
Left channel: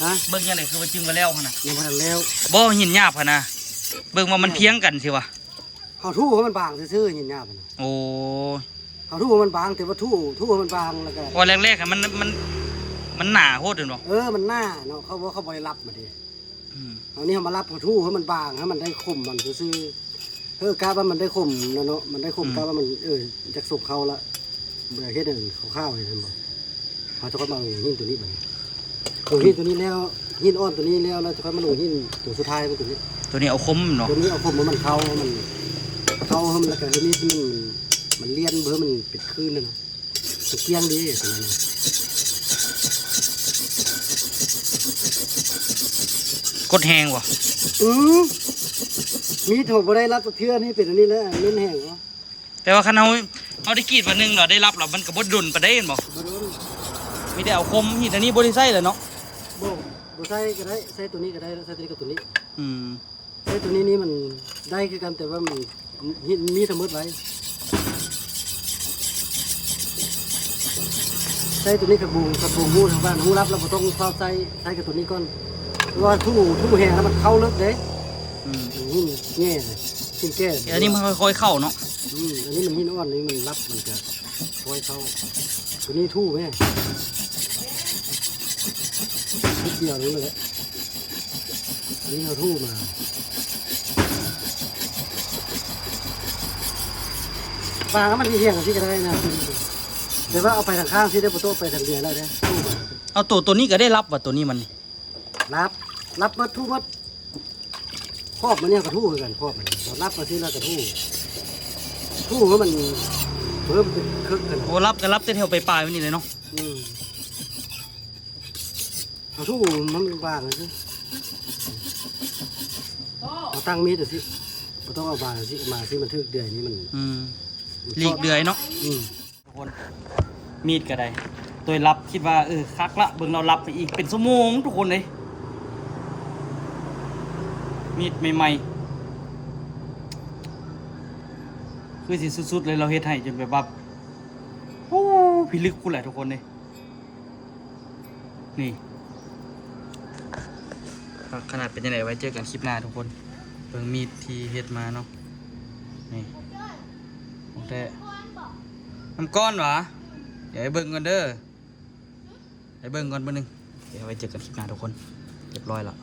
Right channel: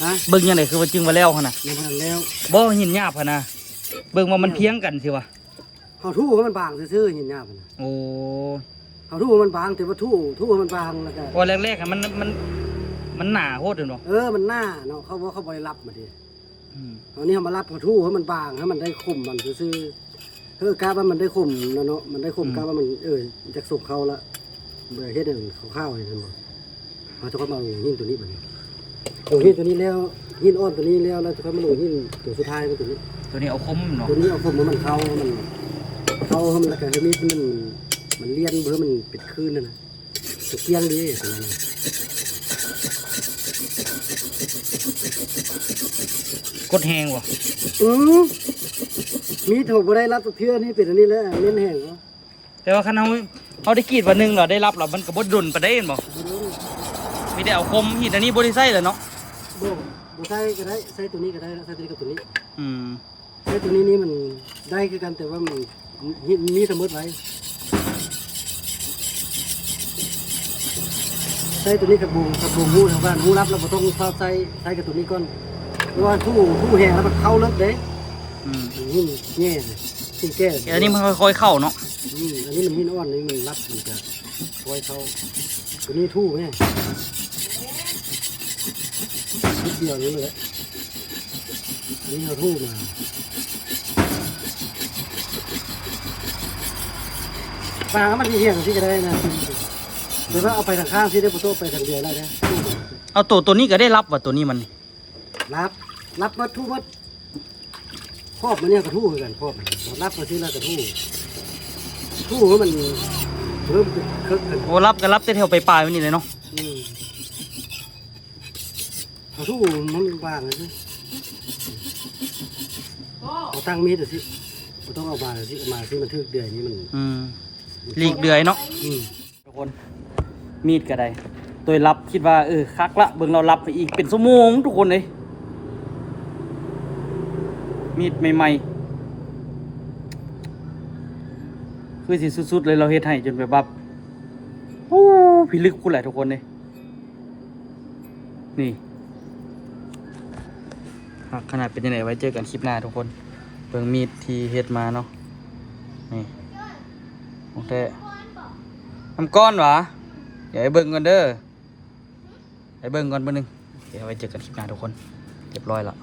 ฮะ เบิ่งจังไดคือว่าจึงว่าแล้วหั่นน่ะ ยังบ่ทันแล้ว บ่หินหยาบหั่นน่ะเบิ่งว่ามันเพียงกันสิวะ เฮาทู่ให้มันบางซื่อๆหินยาบน่ะ โอ้ เฮาทู่ให้มันบางแต่ว่าทู่ให้มันบางแล้วก็ ว่าแรกๆอะมันหนาโคตรเห็นบ่ มันหน้าเนาะเขาบ่เขาบ่ได้รับมาดิ อืม เอานี่เฮามารับเฮาทู่ให้มันบางให้มันได้คมมันซื่อกะว่ามันได้คมเนาะมันได้คมกะว่ามันจักสุกเข้าละเบื่อเฮ็ดให้มันข้าวๆให้เห็นบ่เฮาจะค่อยมาลงหินตัวนี้บัดนี้ลงหินตัวนี้แล้วหินอ่อนตัวนี้แล้วจะค่อยมาลงหินตัวสุดท้ายเป็นตัวนี้ ตัวนี้เอาคมเนาะ ตัวนี้เอาคมมันเข้าให้มันแล้วก็มีดมันเลียนเพื่อมันปิดคืนนะตะเกียงดีตัวนั้น กดแหงว่ะ มีถูกบ่ได้รับตัวเทื่อนี่เป็นอันนี้แล้วเน้นแห้งเหรอ แต่ว่าคันเฮาได้กรีดวันหนึงเราได้รับแล้วมันก็บ่ดุนปานใดเห็นบ่ บ่โดน มีแต่เอาคมมีแต่นี้บ่ได้ใส่แล้วเนาะ บ่ใส่ก็ได้ใส่ตัวนี้ก็ได้ใส่ตัวนี้กับตัวนี้ อืม ใส่ตัวนี้นี่มันได้คือกันแต่ว่ามันมีสมมติไว้ใส่ตัวนี้กับบูหูทางบ้านหูรับแล้วบ่ต้องใส่กับตัวนี้ก่อนเพราะว่าทู่แห้งแล้วมันเข้าเลิกเด้ อืม มันหินแง่เลยหินแก้ อันนี้มันค่อยๆเข้าเนาะ อันนี้มันหินอ่อนนี่มันรับมันจะค่อยเข้าตัวนี้ทู่ไหมนิดเดียวนี่แหละอันนี้เราทู่มาปลามันที่เหี้ยงที่ก็ได้นะแต่ว่าเอาไปทางข้างที่ได้ประตูไปทางเดียวได้นะทู่มา เอาตัวนี้ก็ได้รับว่ะตัวนี้มัน รับมาทู่มาครอบมันเนี่ยกระทู่คือกันครอบมันรับมาที่แล้วกระทู่ให้มันเพิ่มเป็นคึกกัน โอ้รับก็รับแต่แถวไปปลายๆไว้นี่เลยเนาะ เอาทู่มันวางเลยสิเอาตั้งมีดสิเราต้องเอามาสิมาสิมันทึกเดือยนี้มัน อืมหลีกเดือยเนาะ ทุกคนมีดก็ได้ตัวรับคิดว่าคักละเบิ่งเรารับไปอีกเป็นชั่วโมงทุกคนเลยมีดใหม่ๆคือสิสุดๆเลยเราเฮ็ดให้จนแบบว่าโอ้พิลึกพูดแหละทุกคนเลยนี่ขนาดเป็นยังไงไว้เจอกันคลิปหน้าทุกคนเบิ่งมีดที่เฮ็ดมาเนาะนี่โอเคน้ำก้อนหวะเดี๋ยวให้เบิ่งก่อนเด้อให้เบิ่งก่อนเบิ่งนึงเดี๋ยวไว้เจอกันคลิปหน้าทุกคนเรียบร้อยแล้ว